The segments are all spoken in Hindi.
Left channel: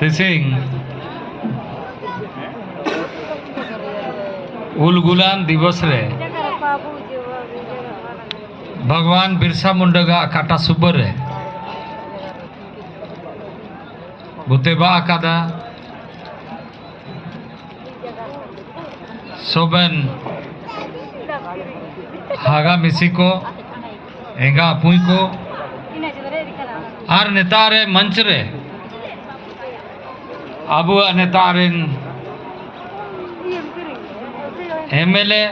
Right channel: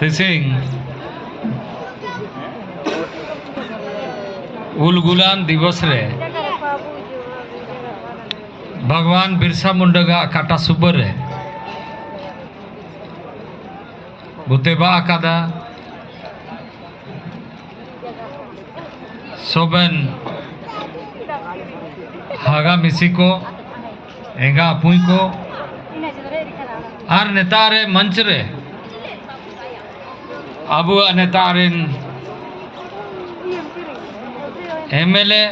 तिसिंग उलगुलान दिवस रे भगवान बिरसा मुंडा का काटा सुबर रे बुतेबा आकादा सोबन हागा मिसी को एंगा अपुई को हर नेतारे मंच रे अबु नेतारिन एमएलए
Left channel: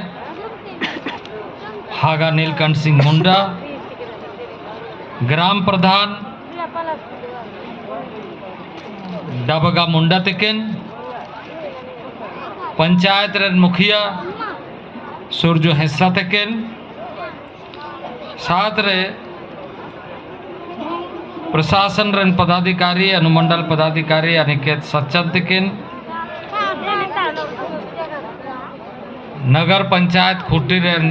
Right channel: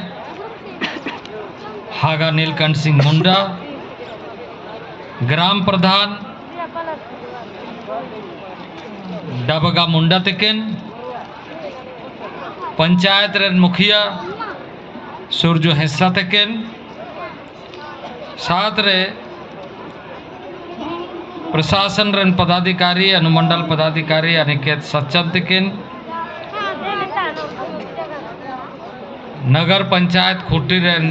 हागा नीलकंठ सिंह मुंडा ग्राम प्रधान डबगा मुंडा तकिन पंचायत रेन मुखिया सूरजो हिस्सा तकिन साथ रे प्रशासन रेन पदाधिकारी अनुमंडल पदाधिकारी अनिकेत सच्चन तकिन नगर पंचायत खुटी रेन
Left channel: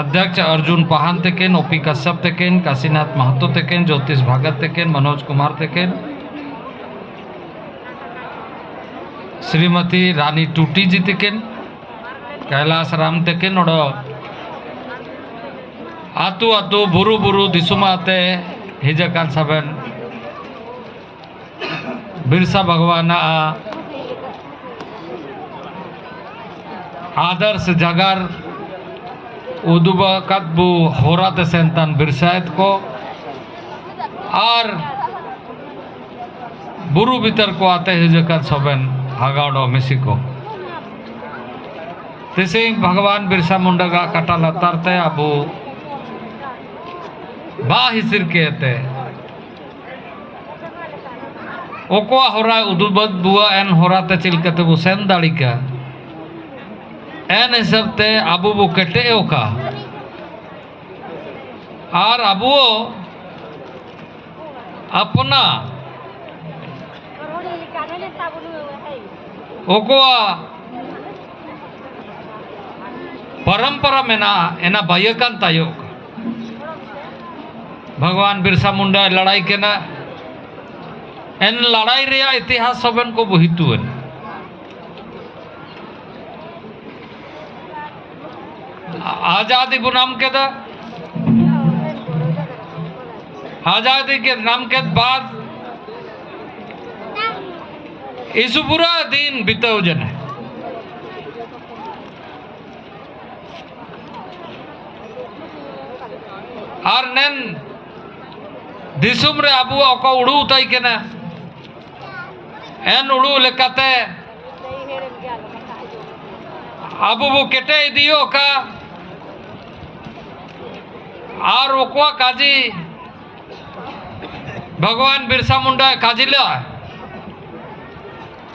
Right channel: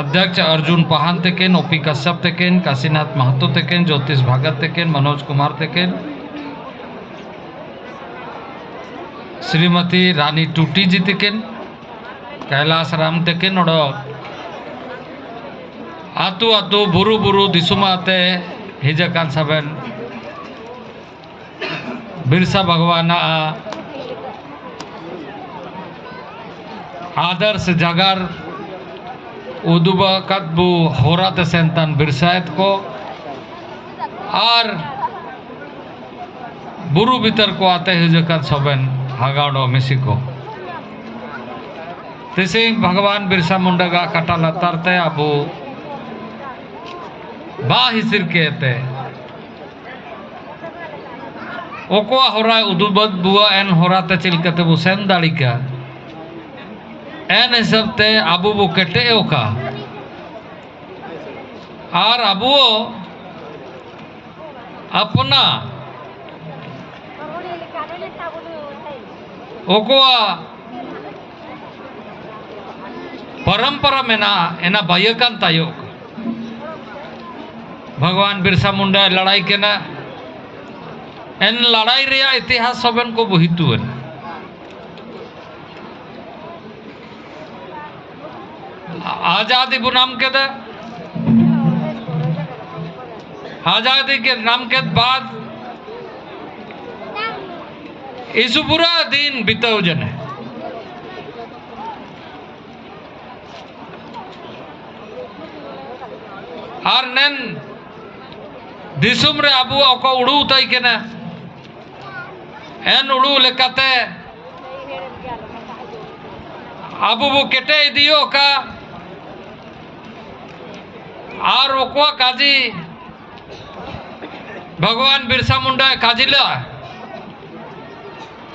अध्यक्ष अर्जुन पहान तकिन ओपी कश्यप तकिन काशीनाथ महतो तकिन ज्योतिष भगत तकिन मनोज कुमार तकिन श्रीमती रानी टूटी जी तकिन कैलाश राम तकिन और आतु आतु बुरु बुरु दिसुमाते हिजकान सबन बिरसा भगवान आदर्श जगार उदुबा कदबू होरात सेंतन बिरसायत को और बुरु भीतर को आते हिजकान सबन हागाड़ो मिसी को तिसिंग भगवान बिरसा मुंडा का कटा लतारते अबू बा हिसिर कहते ओकोआ होरा उदुबद बुआ एन होराते चिलकते बु सेन दाड़ी का एन हिसाब ते अबू बु कटे ओका और अबू अपना ओकोआ परंपरा में ना एना बायकान तायोग भगवान बिरसा मुंडा लड़ाई के ना एन लड़ाई रिया इतिहास सबन को बहितुन आजादी को नाम के दा आजादी के नाम के बाद इस पूरा दिन बिताओ जन और नन दिसुम रे अबू ओको उड़ू उताई के ना एन उड़ू लेकाते अबू वो केटे दियो का और ओको काजी भगवान बिरसा मुंडा काजिला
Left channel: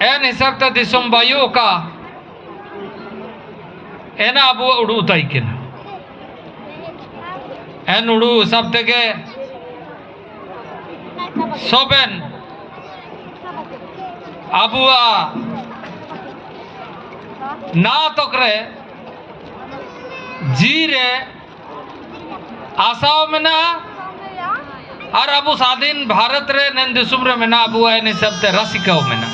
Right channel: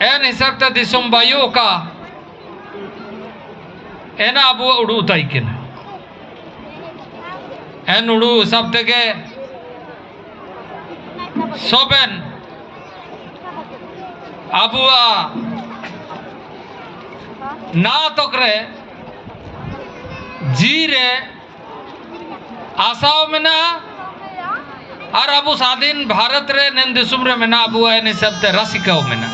एन हिसाब ते दिसुम बायु का एना अबू उड़ू उताई के ना एन उड़ू हिसाब ते के सोबेन अबुआ ना तोकरे जी रे आशाओं में ना और अबू स्वाधीन भारत रे नन दिसुम रे में ना अबुआ एन हिसाब ते रसिकाओं में ना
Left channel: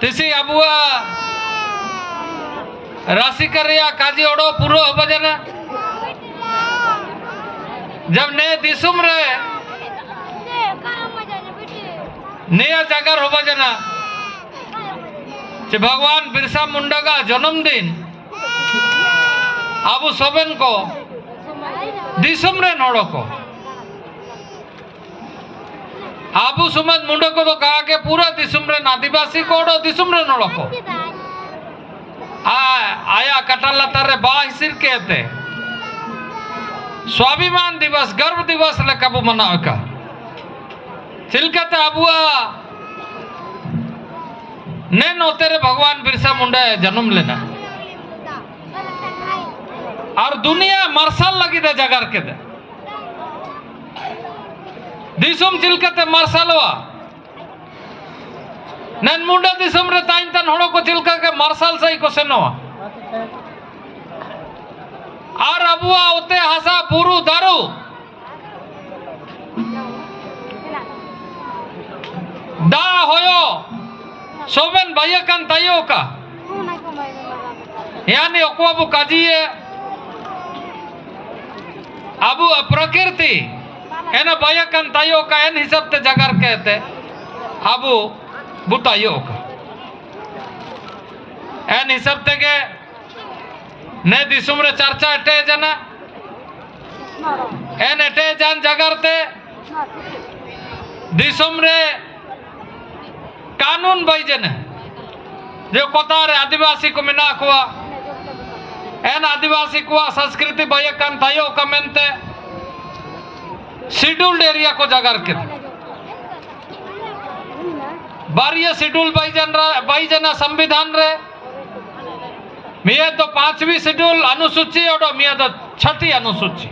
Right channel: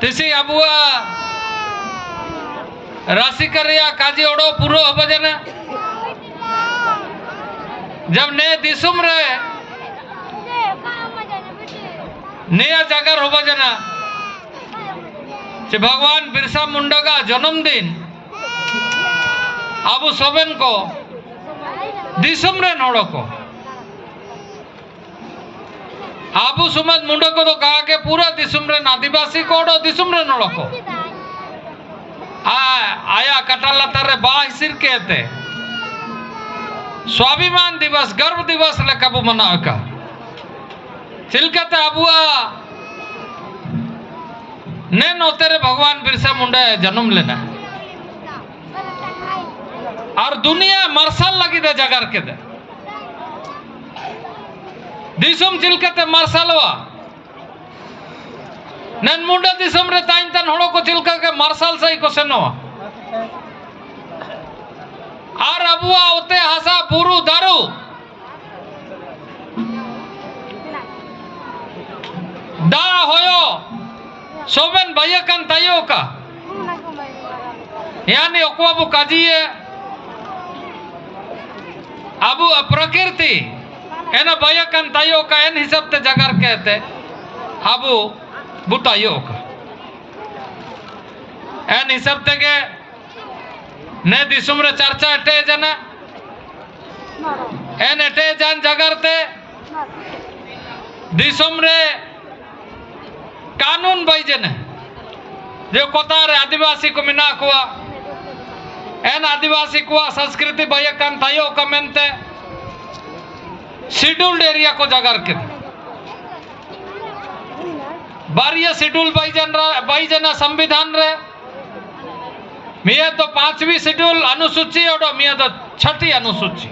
तिसी अबुआ राशिकर काजी ओडो पूरो हो बजना जब ने दिसुम रे नया जगह हो बजना कि भगवान बिरसा मुंडा का जन्मदिन अबू सबन को दिसुम रे नोड़ो को आबू सुमद मुंडा को तो कहा के पूरा दिसुम रे आदिवासी को ओडो दिसुम रे नोड़ो को आया कटाला तारे बाहिर कहते स्वाभिमान दिवस गर्व दिवस ले कबू मनाओ का चिलकते अबुआ ने नोतेरे भगवान बिरसा मुंडा जन्म लेना और दुनिया मार्शल लगी दे जगार के दे दिसुम चिलकते मार्शलवा नन मुंडा दिसुम रे ताइन तन हड़ो को चिलका के मार्शल सही को सेनो और अबुआ उते हसा बुरु दारू दा होयो सोबेन बायकन तायो का यानी ओको काजिए अबु प्रकृति एना बायकन तायो का एन हिसाब ते जगर कहते अबु बुतायो का एन हिसाब ते के ने दिसुम रे चर्चा एटे जना एन एटे जन जगर ते दिसुम रे कानून बाइजन जो कोतार आदिवासी को मिना कुआ एन आदिवासी कुआ संस्कृति बायकन तायो का मेनते शेड्यूल्ड एरिया को जगर के बारिया शेड्यूल बाइजना संविधान रे मिया तो 5वीं शेड्यूल अनुसूची और मिया तो 6ठी अनुसूची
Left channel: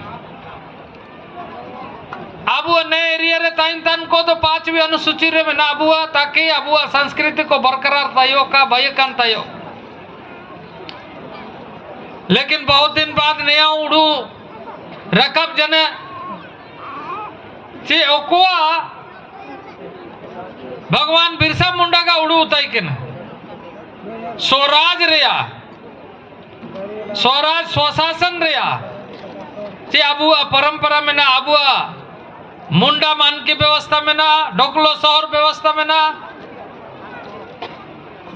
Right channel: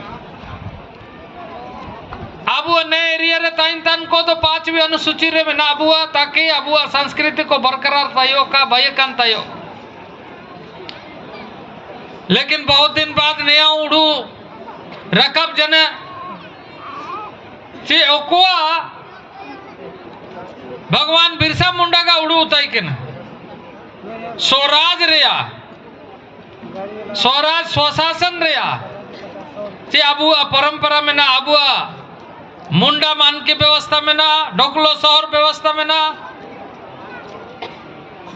अबुआ ने एरिया रे ताइन तन को तो 5वीं अनुसूची रे में ना अबुआ ताकि अबुआ संस्कृति को बरकरार तायो का बायकन तायो लेकिन बहुत दिन बाद नया उड़ू रकब जने चे ओकुआ भगवान बिरसा मुंडा का उड़ू उताई के ना स्वराज रिया स्वराज स्वशासन रिया चे अबुआ परंपरा में ना अबुआ मुंडा मान की व्यवस्था में ना डोकलो शहर व्यवस्था में ना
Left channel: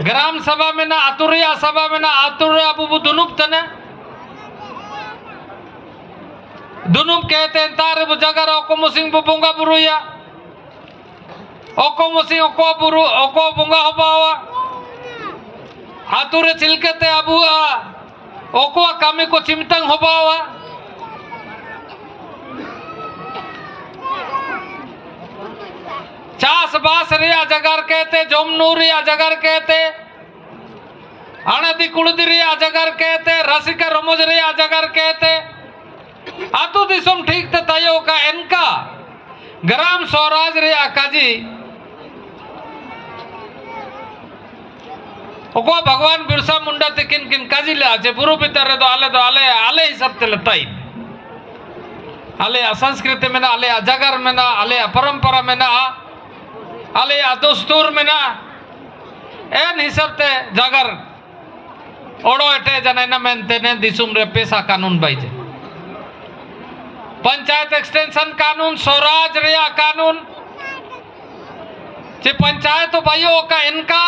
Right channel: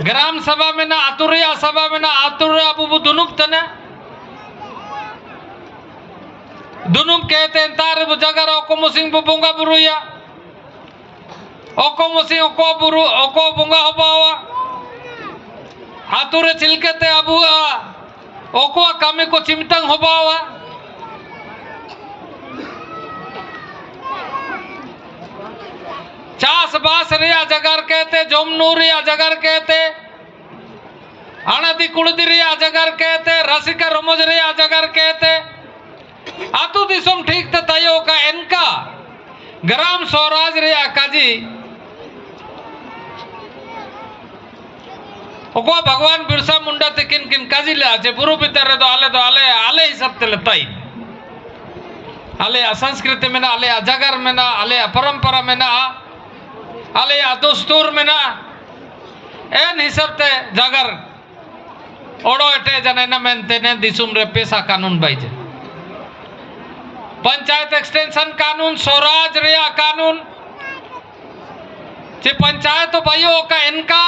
ग्राम सभा में ना आतुरिया सभा में ना आतुरिया अबू दुनुप तने दुनुप कहते हैं तारे वो जगह ओको मुसिंग बुबुंगा बुरुया ओको मुसिंग ओको बुरु ओको बुंगा हो पावा आतुरे चिलकते अबुआ ओको कामे को चिमतंग हो पावा चास बास रिया जगर कहते जोमनू रिया जगर कहते अनदी कुड़दी रिया जगर कहते रसिका रमोज रिया जगर कहते आतु दिसम ठीक ते तायो का इनका ग्राम स्वराज रिया काजी ओको भगवान बिरसा मुंडा ते किन किन काजी ले आजे बुरु बितरे तो आले आले ही सब ते लताई आले संस्कृति में ना आले जगर में ना आले परंपरा में ना आले दस्तूर में ना एन हिसाब ते जगर ओडो एटे जने न मेनते ने दिसुम रे पैसा कानून बाइजे पंचायत एक्सटेंशन कानून स्वराज रिया कानून जे पंचायत भाइयों का इनका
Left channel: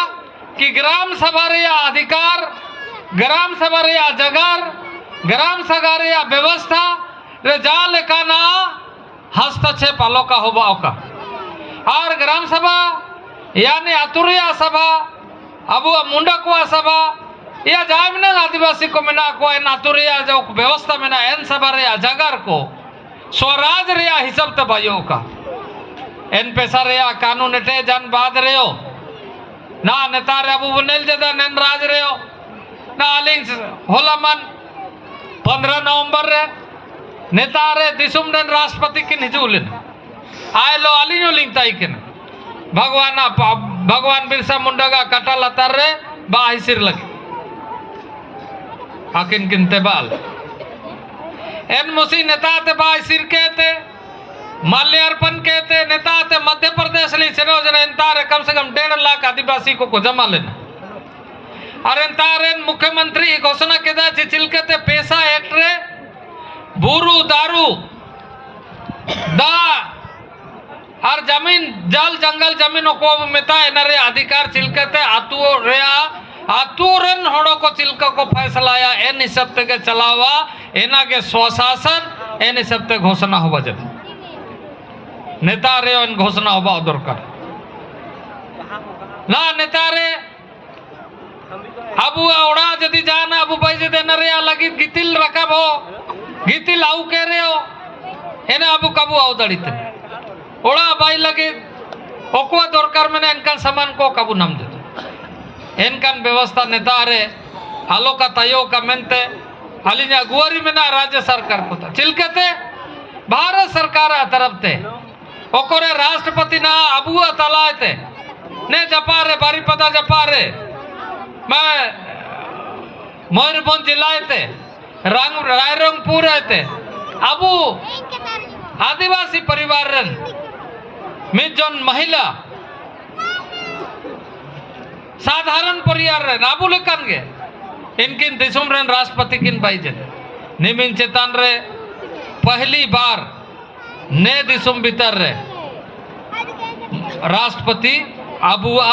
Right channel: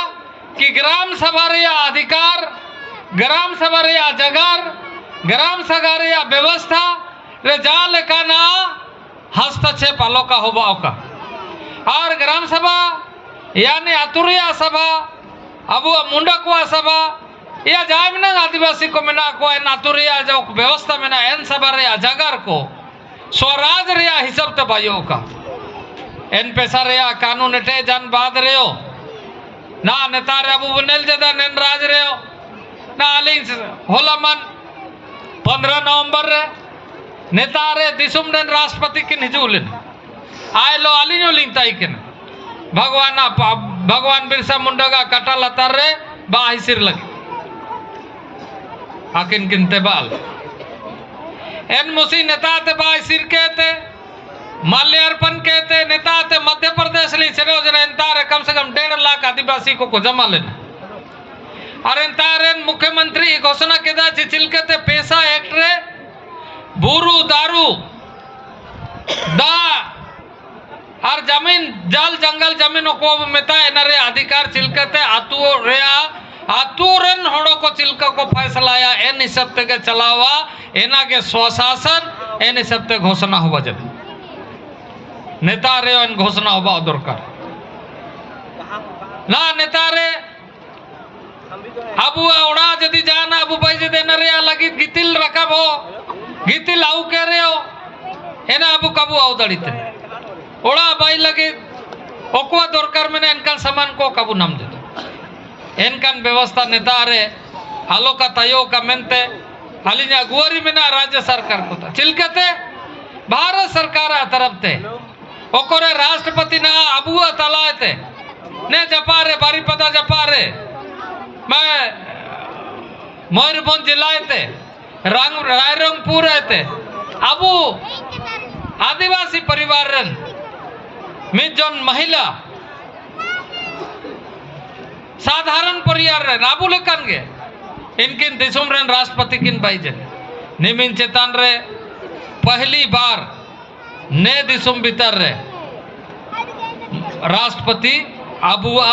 कि ग्राम सभा रिया अधिकार ग्राम सभा रिया जगर ग्राम सभा रिया व्यवस्था रे जाल का ना हस्तक्षेप आलो का होबा का और ग्राम सभा यानी आतुरिया सभा अब मुंडा कुआ सभा या जाए में आदिवासी को मिना को इन आतुरिया जो व्यवस्था में ना एन सभा रिया जगर को स्वराज रिया हिसाब ते भाइयों का एन पैसा रिया कानून एटे जन बाद रहो ना नेता रे अबू बनेल जदा नेन राज रहो ना आली होला मन 15 नवंबर रे नेता रे दिसुम नेन राष्ट्रपति की निजुलिन आए लो आली नो लिंग ताई के भगवान बिरसा मुंडा का कटा लतर रे बाही सिर लगे आकिन किनते बाल एन मुसी नेता ते बाही सिर कहते माल्यार्पण कहते नेता ते मध्य प्रदेश ली चलो जरा इंतारे कम से कम 1.5 लाख आदिवासी को जमा लेना और इंतारे मुख्यमंत्री घोषणा के दा चिलकते पैसा एक्ट रे बुरु दारू दा और जमीन जल जंगल जमीन को मिता नरे अधिकार चिलकते आतुरन होड़ो को चिलका को फैसलाया एन हिसाब के चलावा एना के स्वशासन एन हिसाब ते घोषणा होबा जब नेता रे एन घोषणा होबा दरकार ना नेता रे अबू ओड़ा जदी जाना अबू भाई जदे नरे लगी गितिल रकब हो गितिल आउ कह रहे हो एना अबू कबू आउ दड़ित ओड़ा भाई लगे ओकुआ दरकार में इनका सामान को कबू नम दे इनका व्यवस्था नेता रे आलो का तयो का मेनते अलिना गुआरी में ना राज्य सरकार को चिलकते भारत सरकार तरफ ते ओकोरे राष्ट्रपति ना अबुआ तलाते ने जपारे बारीपदा जपारे मैं मयूरभंज जिला ते रायरंगपुर रहते अबू आदिवासी परिवार रन मिजन महिला साधारण परिवार रन अबू लेकन गे इनकिन दिसुम रन राष्ट्रपति किन बाइजन निमिन चेतान रे पहली बार ने दिसुम भीतर रे राष्ट्रपति अबुआ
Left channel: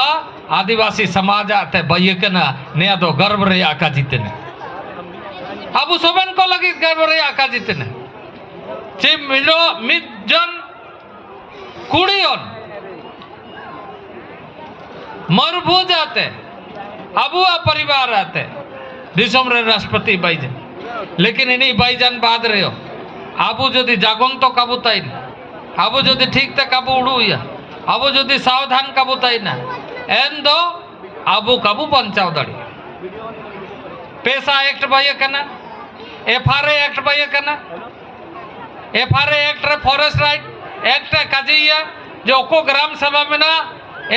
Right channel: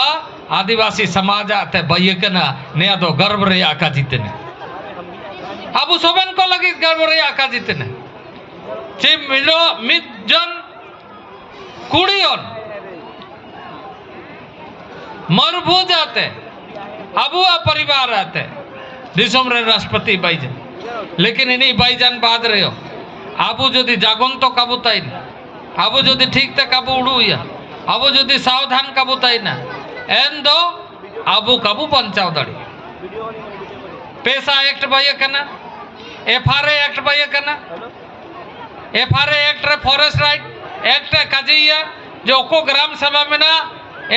आदिवासी समाज आते बयकना ने दो गर्व रे आका जीतने अबू सोबेन को लगी गर्व रे आका जीतने चे मिरो मिजन कुड़ियोन मरभूज आते अबुआ परिवार आते दिसम रे राष्ट्रपति बाइजन लेकिन इन्हीं बाइजन बाद रहे हो आबू जो जागोन तो काबू ताई आबू जो ठीक ते काबू उड़ूया आबू जो सावधान काबू ताई ना एन दो आबू काबू बंचाव दड़ी पैसा एक्ट बाय कना एफआरए एक्ट बाय कना एफआरए एक्ट रे फॉरेस्ट राइट एक्ट काजिया जो को ग्राम सभा में ना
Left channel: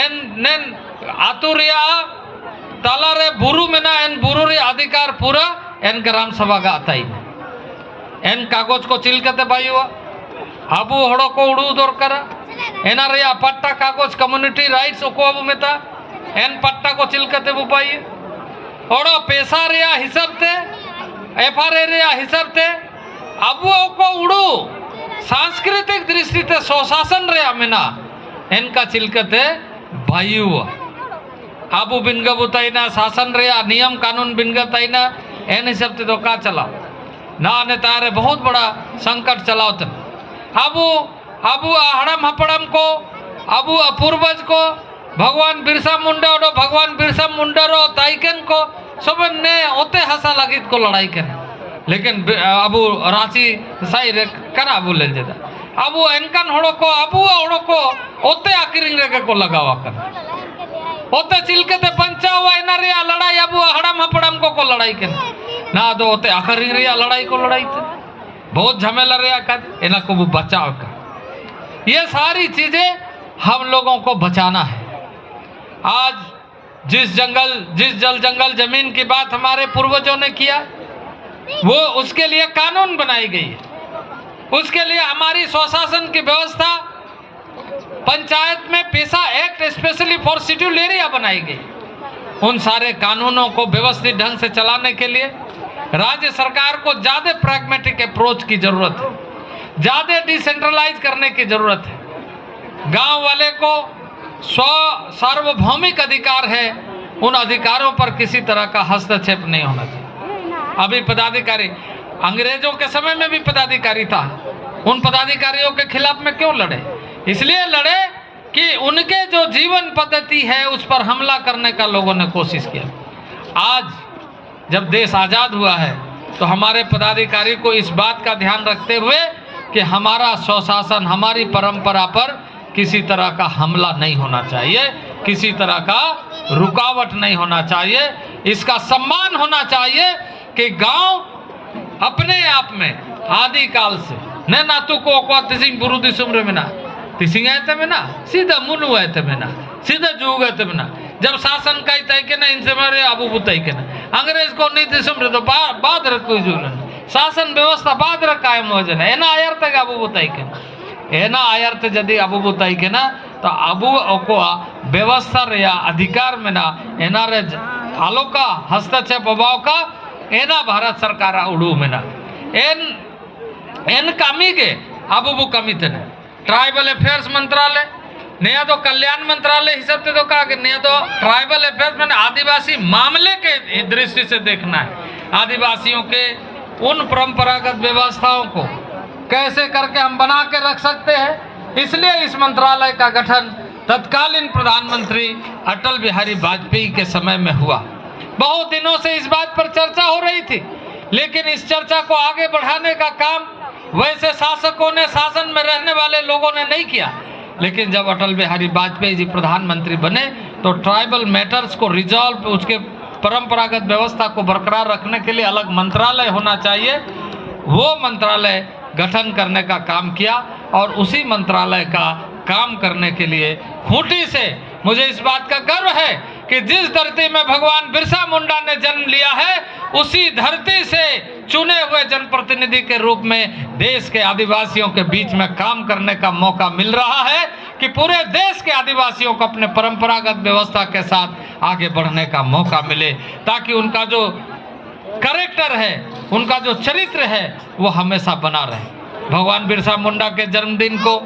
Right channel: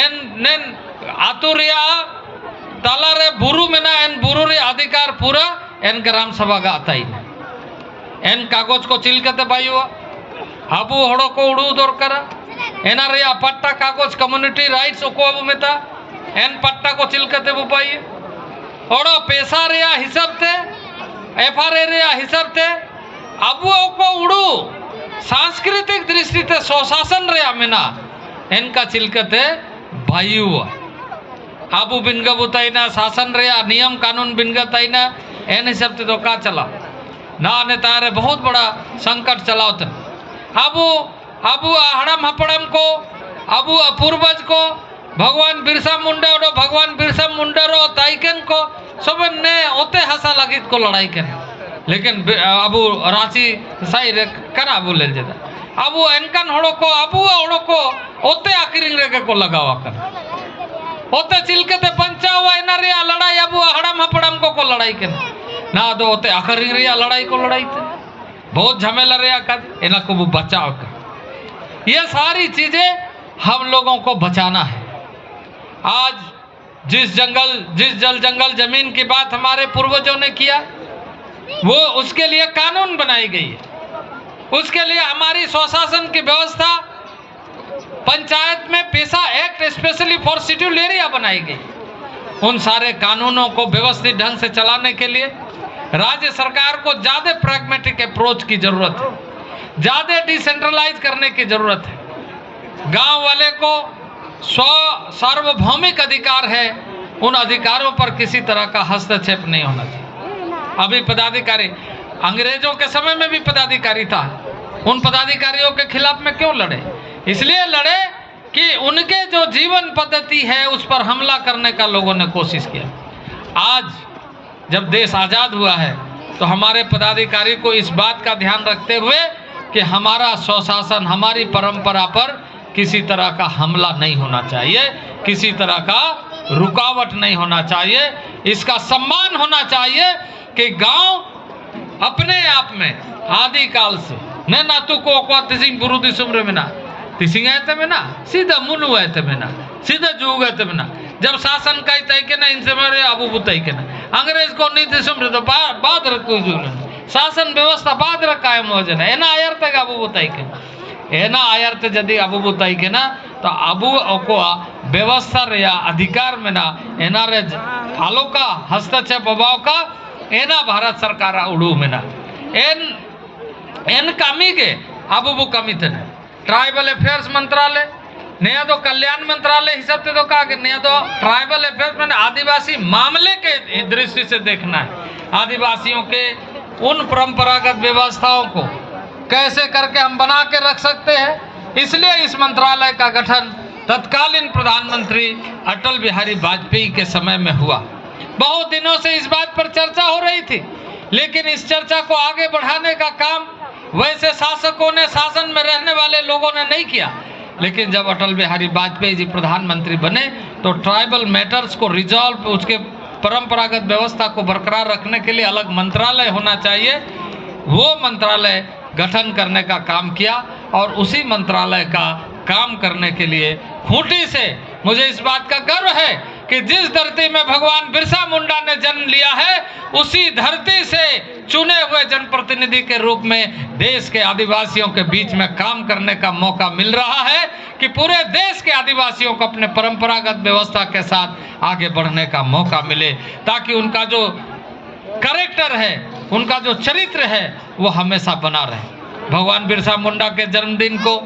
एन नेन आतुरिया ताला रे बुरु में ना एन बुरु रे अधिकार पूरा एन ग्राम सभा का आता ही एन कागज को चिलकते बायुआ आबू हड़ो को उड़ू दरकार एना रे पट्टा कागज कम्युनिटी राइट्स को अबू मेता एन पट्टा को चिलकते बुपाइए हड़ो पैसा रे हिसाब ते एफआरए रे हिसाब ते अबू को उड़ू सांस्कृतिक दृष्टि ते स्वशासन रे मेना एनका चिलकते बायुआ आबू बिनगा बुताइना शासन रे नियम कानून बिनगा ताइना एन हिसाब ते तो का चला ना ने तारे बहुत बड़ा संकट चलाओ थे अबू अबू हड़म हपड़म को अबू पूर्वज को भगवान बिरसा मुंडा और भगवान बिरसा मुंडा रो ताइकन को सब ने ओते हंसा लगित को लड़ाई कर लेकिन अबू रांची सही रे कना बोले जदा अबू एनकन हड़ो को अबू हड़ो को ओते आकिरिंग रे को लगावा कर ओते चिलकते पंचा हुआ इना रे लड़ाई अबू हड़म हपड़म को लड़ाई कर ना दो होते आखिरी रे लड़ाई को लड़ाई थे बहुत झमेला रे का इना को बचाव का ये सारी चीजें हम लोगों को बचाना है। आज जिस जल जंगल जमीन की बात हमारे पूर्वजों ने किया वो उसके लिए कानून बनाई गई है उसके लिए हमारी स्वशासन की व्यवस्था पंचायत में पैसा act specially for scheduled area बनाई गई उन सारे कानूनों को व्यवस्थित ढंग से चलाने के लिए राज्य सरकार को ज्यादा प्रैग्मेटिक अप्रोच की जरूरत है ज्यादा डिसेंट्रलाइज करने की जरूरत है गांव वाले को सार्वभौमिक अधिकार है उन अधिकारों पर किसी तरह का हस्तक्षेप नहीं होना चाहिए। अभी पदाधिकारी अंग्रेजों के समय में भी पदाधिकारी था उन पदाधिकारियों के खिलाफ में क्यों लड़े इसलिए लड़े कि उनके जो जीवन पद्धति है उस पर हमला करने का लोगों ने कोशिश किया। आज जब देश आजाद हुआ है तो हमारे पदाधिकारी को इस बात का ध्यान रखते हुए कि हमारा स्वशासन हमारी परंपरा पर किसी तरह का हमला नहीं होना चाहिए किसी तरह का रुकावट नहीं होना चाहिए इसका सम्मान होना चाहिए कि गांव अपने आप में आदि काल से न नातु को तिसिंग बुरुदी सुमरे में ना तिसिंग आयते में ना सीधा मुनु आयते में ना सीधा जुग आयते में ना जब शासन का तय के ना इनसे मेरे अबू बुताई के ना अंग्रेज को नीति सुमरे तो बाद रखो शासन व्यवस्था बाद रख कायम हो जाए एना आयर तक अबू बुताई के एना आयर ते यदि अबू बुताई के ना तो अबू को व्यवस्था रे अधिकार में ना एना रे आलो का हस्तक्षेप अभाव का एना भारत सरकार उड़ू में ना एन कमी के अबू कमी थे ट्राइबल अफेयर्स मंत्रालय नया तो कल्याण मंत्रालय हिसाब से तो कहा कि नया तो ट्राइबल अफेयर्स में आदिवासी मामले के दृष्टि से देखना है आदिवासियों के उन परंपरागत व्यवस्थाओं को कैसे करके हम बना के रख सकते हैं इसलिए इस मंत्रालय का गठन तत्कालीन प्रधानमंत्री अटल बिहारी वाजपेयी के समय में हुआ। बहुत दिनों से इस बात पर चर्चा हो रही थी लेकिन इस चर्चा को आगे बढ़ाने का काम वैसे शासकों ने शासन में रहने वाले लोगों ने नहीं किया लेकिन जब अटल बिहारी वाजपेयी जी प्रधानमंत्री बने तो ट्राइबल मैटर्स को रिजॉल्व उसके परंपरागत व्यवस्था को बरकरार रखने के लिए अलग मंत्रालय होना चाहिए वो मंत्रालय गठन करने का काम किया और उसी मंत्रालय का काम करने के लिए खूंटी से मुझे इस बात का गर्व है कि जिस धरती में भगवान बिरसा मुंडा ने जन्म लिया है उसी धरती से चुने हुए जनप्रतिनिधि के रूप में देश के आदिवासियों के बीच में काम करने का मौका मिल रहा है कि पूरे देश के आदिवासियों को अपने परंपरागत व्यवस्था के साथ आगे बढ़ने का मौका मिले, ताकि उनका जो कैरेक्टर है, उनका जो चरित्र है वो हमेशा बना रहे। भगवान बिरसा मुंडा के जन्मदिन को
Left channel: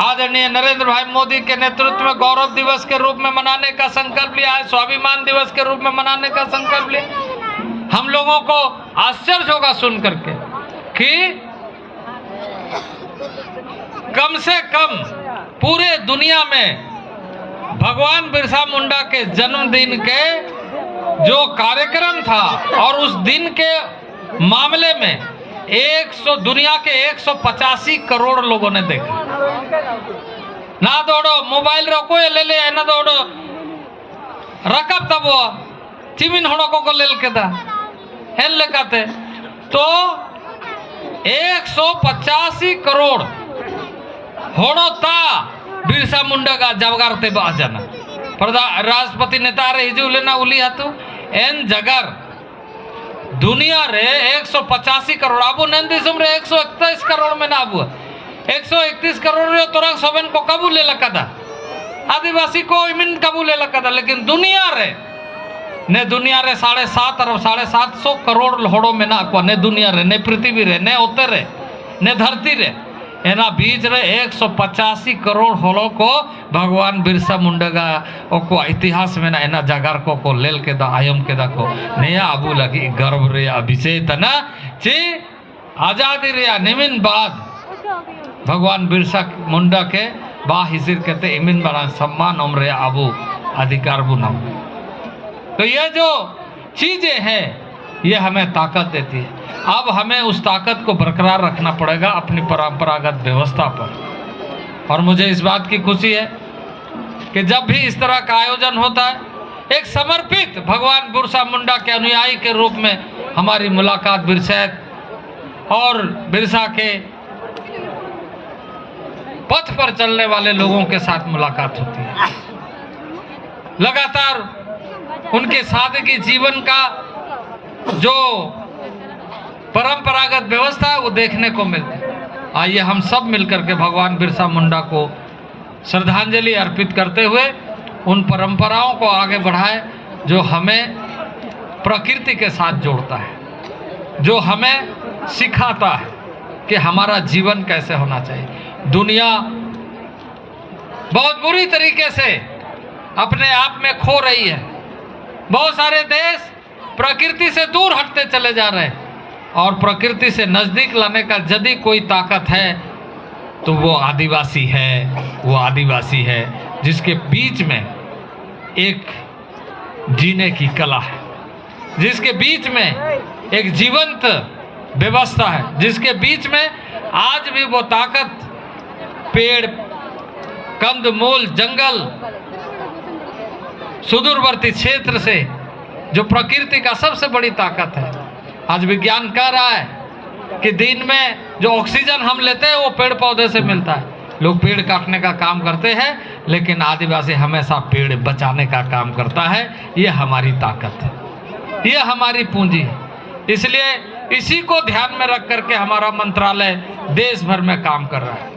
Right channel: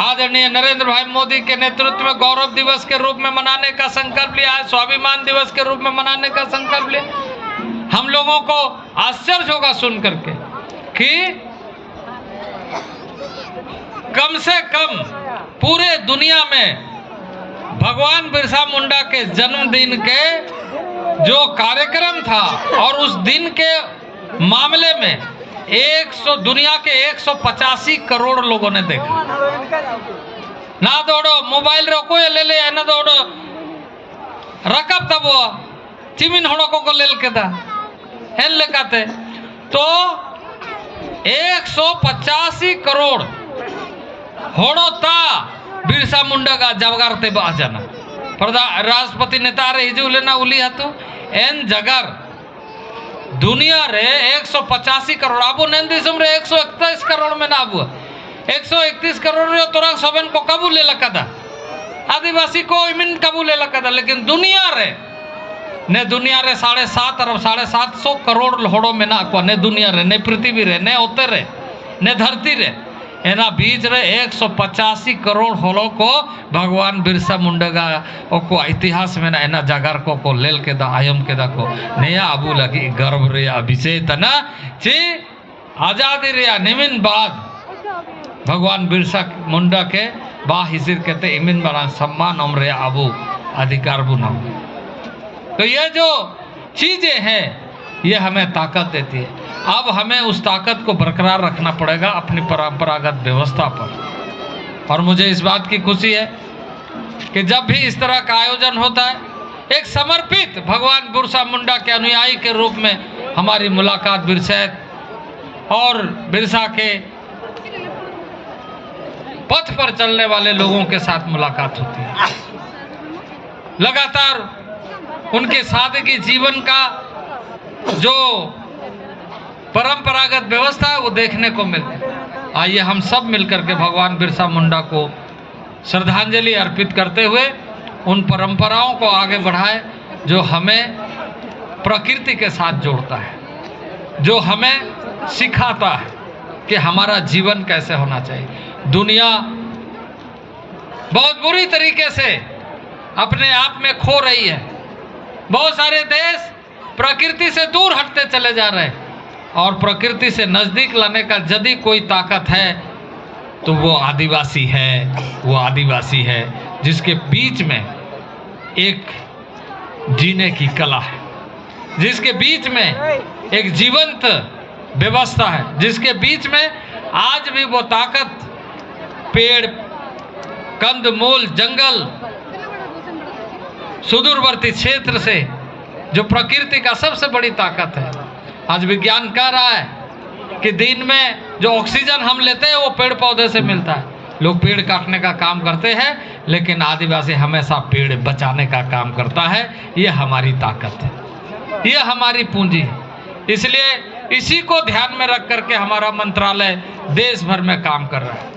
आदरणीय नरेंद्र भाई मोदी के नेतृत्व में गौरव दिवस के रूप में मनाने का संकल्प लिया है, स्वाभिमान दिवस के रूप में मनाने का संकल्प लिया। हम लोगों को आश्चर्य होगा सुन करके कि कम से कम पूरे दुनिया में भगवान बिरसा मुंडा के जन्मदिन के जो कार्यक्रम था और उस दिन के मामले में दुनिया के 185 करोड़ लोगों ने देखा। ना दौड़ो मोबाइल रोको ले ले ना दौड़ो रकब तब वो चिमिन हड़कों को लेल के था हेल लेकाते तो 185 करोड़ होड़ोता बिरसा मुंडा का जवगारते बा जाना राष्ट्रपति नेता रे हिजू लेना उली हाथू एन जगर दुनिया रे 185 करोड़ आबू नंदीसम रे 131 करोड़ में ना आबू 131 करोड़ रे तोरा सबन को काबू ले लगा था, आदिवासी को इमिन काबू ले लगा था, लेकिन दुनिया रे 7.5 अरब 750 करोड़ होड़ो में ना को ने दुनिया रे ने पृथ्वी रे ने होते रे ने धरती रे एना बीच रे 185 करोड़ होलो को भगवान बिरसा मुंडा को इतिहास में ना एना जागर को लेल के दा आयम के दा को नया आबू लगी गर्व रे विषय तना ची आजादी रे निमिन बाद भगवान बिरसा मुंडा के बा हिजिर कहते इमिन बड़ा सम्मान उम्र आबू अधिकार बु नाम। तो ये जो चीजें हैं ये हमें ताकत देती है। अब हमें उस ताकत को बरकरार रखना पड़ेगा अपनी परंपरागत व्यवस्था पर। और मुझे इस बात की खुशी है कि जब भी इस तरह का आयोजन होता है एक समर्पित भगवान बिरसा मुंडा के अनुयायी के रूप में हमारी मुलाकात बिरसैत और बिरसा के पथ पर चलने वाले लोगों के साथ मुलाकात होती है। लगातार उनके सादगी जीवन का जो परंपरागत व्यवस्था है वो देखने को मिलती है। आइए हम सब मिलकर के भगवान बिरसा मुंडा को श्रद्धांजलि अर्पित करते हुए उन परंपराओं को आगे बढ़ाएं जो हमें प्रकृति के साथ जोड़ता है, जो हमें सिखाता है कि हमारा जीवन कैसे होना चाहिए। दुनिया बहुत बुरी तरीके से अपने आप में खो रही है। बहुत सारे देश प्रकृति से दूर हटते चले जा रहे हैं और प्रकृति से नजदीक लाने का यदि कोई ताकत है तो वो आदिवासी है। वो आदिवासी है जिसके बीच में एक जीने की कला है, जिसके बीच में एक जीवंत व्यवस्था है, जिसके बीच में आज भी वो ताकत पेड़, कंदमूल, जंगल, सुदूरवर्ती क्षेत्र से जो प्रकृति का सबसे बड़ी ताकत है। आज विज्ञान कह रहा है कि दिन में जो ऑक्सीजन हम लेते हैं वो पेड़ पौधे से मिलता है। लोग पेड़ काटने का काम करते हैं लेकिन आदिवासी हमेशा पेड़ बचाने का काम करता है। ये हमारी ताकत है, ये हमारी पूंजी है। इसलिए इसी को ध्यान में रख करके हमारा मंत्रालय देश भर में काम कर रहा है।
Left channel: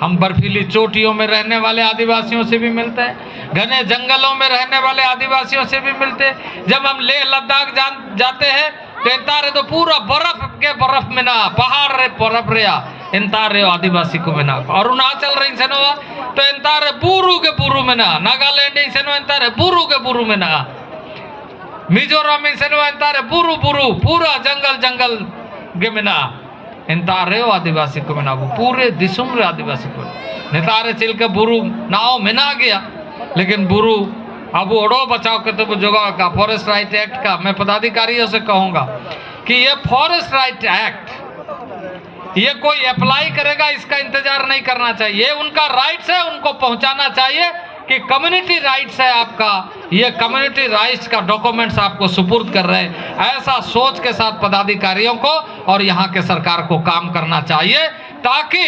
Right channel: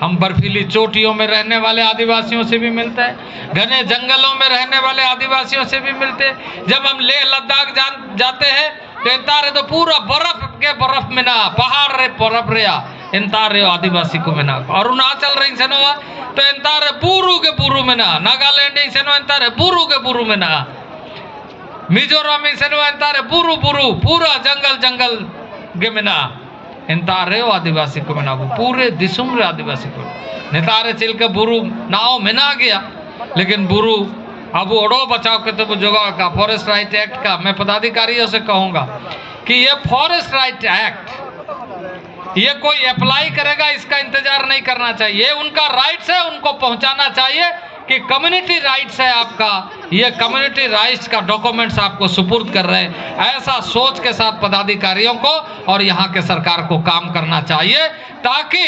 हम बर्फीली चोटियों में रहने वाले आदिवासियों से भी मिलते हैं, घने जंगलों में रहने वाले आदिवासियों से भी मिलते हैं। जब हम लेह लद्दाख जाते हैं तो इंतारे तो पूरा बर्फ में ना पहाड़ रे बर्फ रे इंतारे आदिवासी को में ना। अरुणाचल रही से ना तो इंतारे बुरू के बुरू में ना, नागालैंड से ना इंतारे बुरू के बुरू में ना, मिजोरम से ना इंतारे बुरू बुरू पूरा जंगल के में ना इंतारे आदिवासी को में पूरे दिसुम रे आदिवासी को नेतारे चिल के बुरू नाव में ना गया। लेकिन बुरू अब ओडो बचाव के तो जगह का फॉरेस्ट राइट एक्ट का मैं पदाधिकारियों से कहूंगा कि ये फॉरेस्ट राइट एक्ट ये कोई अप्लाई करेगा इसका इंतजार नहीं करना चाहिए। उनका राइट्स है, उनको पहुंचाना चाहिए कि कम्युनिटी राइट्स है आपका, ये कम्युनिटी राइट्स का डॉक्यूमेंट्स आपको सुपुर्द कर रहे हैं। ऐसा सोच के साथ पदाधिकारियों को और यहाँ के सरकार को काम करना चाहिए ताकि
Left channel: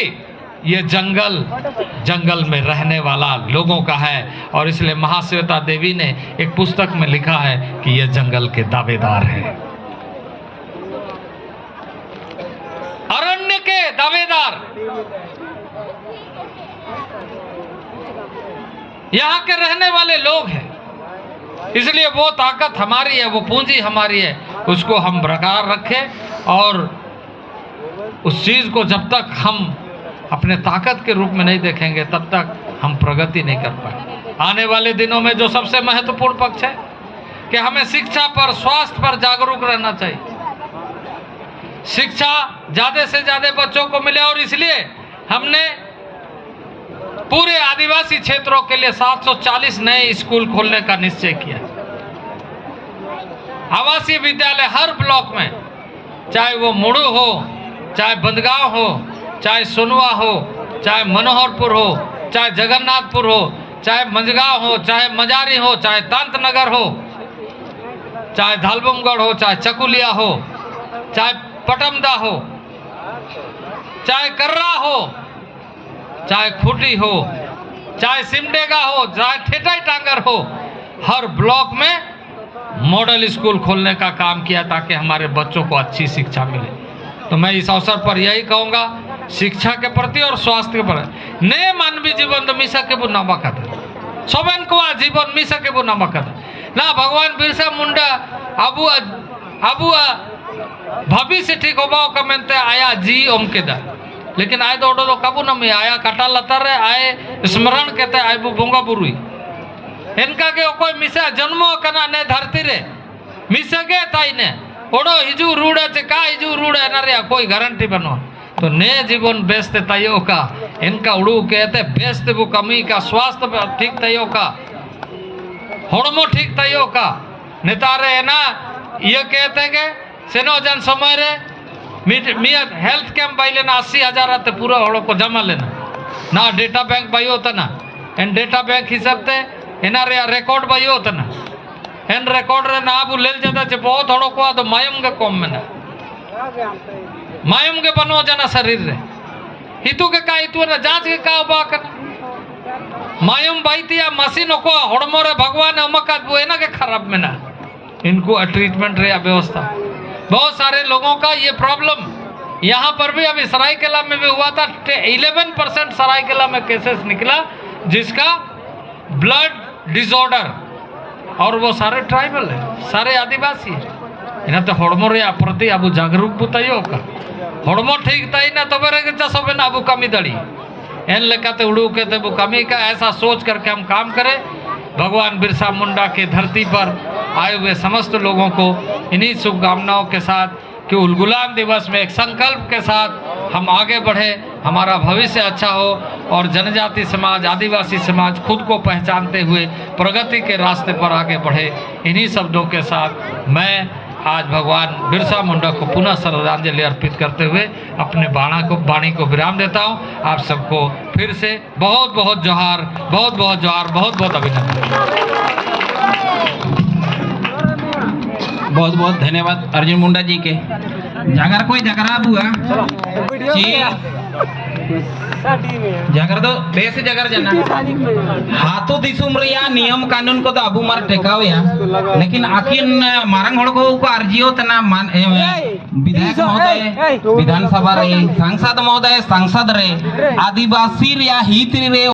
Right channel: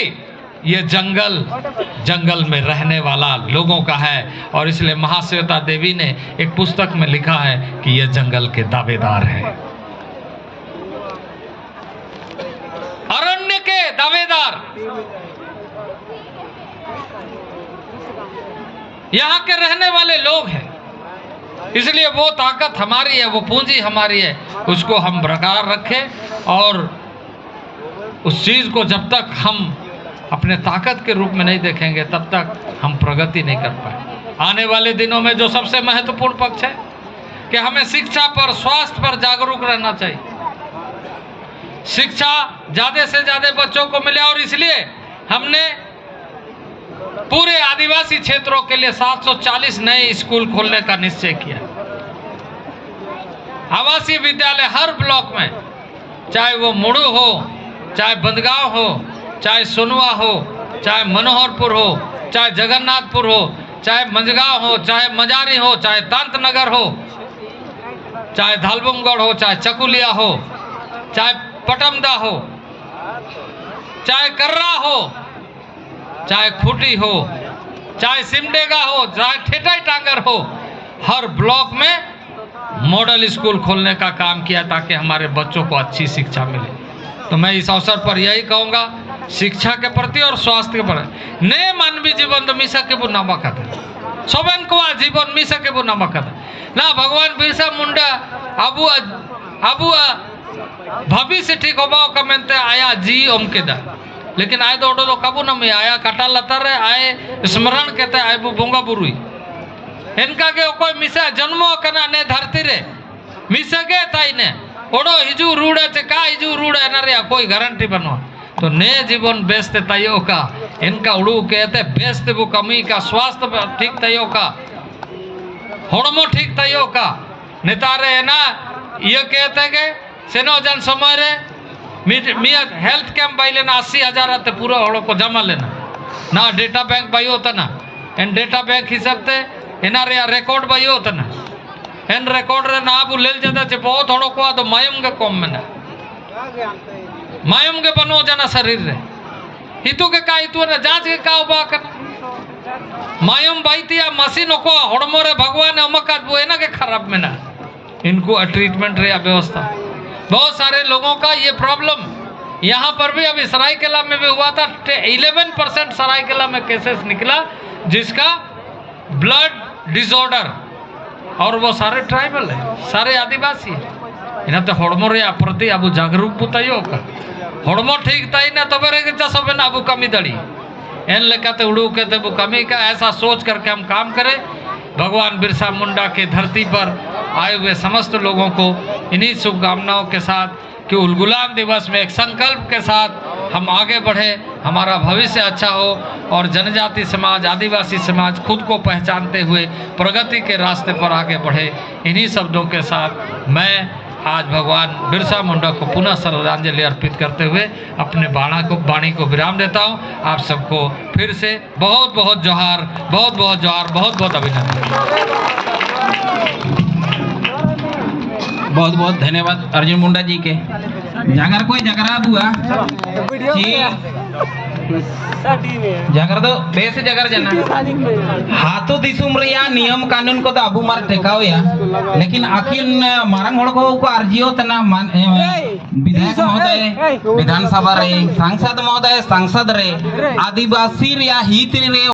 ये जंगल में रहने वाला लोगों का है। और इसलिए महाश्वेता देवी ने एक पुस्तक में लिखा है कि ये जंगल के दावेदार हैं, अरण्य के दावेदार। यहाँ के रहने वाले लोग हैं, इसलिए वो ताकत हमारी है, वो पूंजी हमारी है, उसको हम बरकरार रखें। और उस चीज को जब तक हम अपने ताकत के रूप में नहीं देखेंगे तब तक हम प्रगति नहीं कर पाए। आने वाले दिनों में जो सबसे महत्वपूर्ण पक्ष है कि हमें शिक्षा पर, स्वास्थ्य पर जागरूक रहना चाहिए। शिक्षा ज्यादा से ज्यादा बच्चों को मिले और इसलिए हमने पूरे आदिवासी क्षेत्रों के लिए 740 नए स्कूल खोलने का निश्चय किया। आवासीय विद्यालय हर ब्लॉक में, चाहे वो मुड़ू हो, चाहे बंदगांव हो, चाहे सोनवा हो, चाहे मनोहरपुर हो, चाहे जगन्नाथपुर हो, चाहे मंझगांव हो, चाहे मजारी हो, चाहे तांतनगर हो, चाहे धालबुमगढ़ हो, चाहे चकुलिया हो, चाहे पटमदा हो, चाहे कर्रा हो, चाहे खूटी हो, चाहे सिमडेगा हो, चाहे ठेठाई टांगर हो, हर ब्लॉक में मॉडल स्कूल खोलने का काम किया ताकि हमारे बच्चों को अच्छी शिक्षा मिले। तो मैं इस अवसर पर यही कहूँगा, शिक्षा के प्रति और स्वास्थ्य के प्रति ने मानवीय जीवन तो मिसा के बुना मकत है, सोबन को जीवन मिसा के बुना मकत है ना। भगवान बिरसा मुंडा अबू भविष्य ठीक होबा का मेनते आया जी ओम के दा, लेकिन आए दौड़ो तो कबू न में आया कटा लतर आए स्मरण कहते आए वो बोंगा बुरुई इनका के कोई मिसा जन्मो कना ने धरती रे मिसा के ताई ने ओडो हिजू रूड़े चे का हिजू रूड़े न रे कोई गारंटी बनो तो ने जीवन बेचते तयो का इनका उड़ू कहते बेचते वो कमी का स्वास्थ्य ठीक तयो का होड़मो ठीक तयो का नेतारे है ना ये कहते के सेनो जन समय रे मिया हेल्थ कैंप बाई लेना 80,000 आते पूरा होड़ो को जमा लेना ना डेटा बैंक बाई होता ना एन डेटा बैंक हिसाब ते एना रे रिकॉर्ड बाई होता ना एन रिकॉर्ड रे ना अब ले जाता चे बहुत होड़ो को तो मायम के कॉम में ना मायम के बनो जना शरीर रे हितु के का हितु ना जांच के का उबा कर मायम बाई तिया मशीन को होड़मो रे भगवान अमकात वो एना के खराब में ना इनको ट्रीटमेंट रे व्यवस्था बहुत सारे लोगों का ये प्रॉब्लम यहाँ पर भी अभी सरायकेला में भी हुआ था 11% सरायकेला में केसेस निकला जिसका ब्लड डिसऑर्डर और वो सारे ट्राइबल है सारे आदिवासी है इन्हें तो होड़मो रे प्रति अब जागरूक बुताइयो का होड़मो ठीक ताई ना तो बेरे के जसबे ना अब कमी दड़ी एन लेकाते उड़ू कहते वो कमी का ऐसा सोच करके हम काम करें। भगवान बिरसा मुंडा के धरती पर आए हुए समस्त लोगों को इन्हीं शुभकामनाओं के साथ कि उलगुलान दिवस में एक संकल्प के साथ हम आगे बढ़े, हमारा भविष्य अच्छा हो और जनजाति समाज आदिवासी समाज खुद को पहचानते हुए प्रगति के रास्ते पर आगे बढ़े। इन्हीं शब्दों के साथ मैं आज भगवान बिरसा मुंडा को पुनः श्रद्धांजलि अर्पित करते हुए अपने वाणी को विराम देता हूँ। आप सबको फिर से बहुत बहुत जोहार, बहुत बहुत जोहार, बहुत बहुत अभिनंदन। बहुत बहुत धन्यवाद अर्जुन मुंडा जी के। जागर कोई जगरा बुआ जागर दो बेस जगर जना हाथों दिसुम रिया नियम कानून को तो अबू मार टेकाव या लेकिन आखिर मारंग होड़ को अर्जियो तना विधायक महोदय विधानसभा रे सांसद महोदय सांसद रे आदिवासी रिया हित रे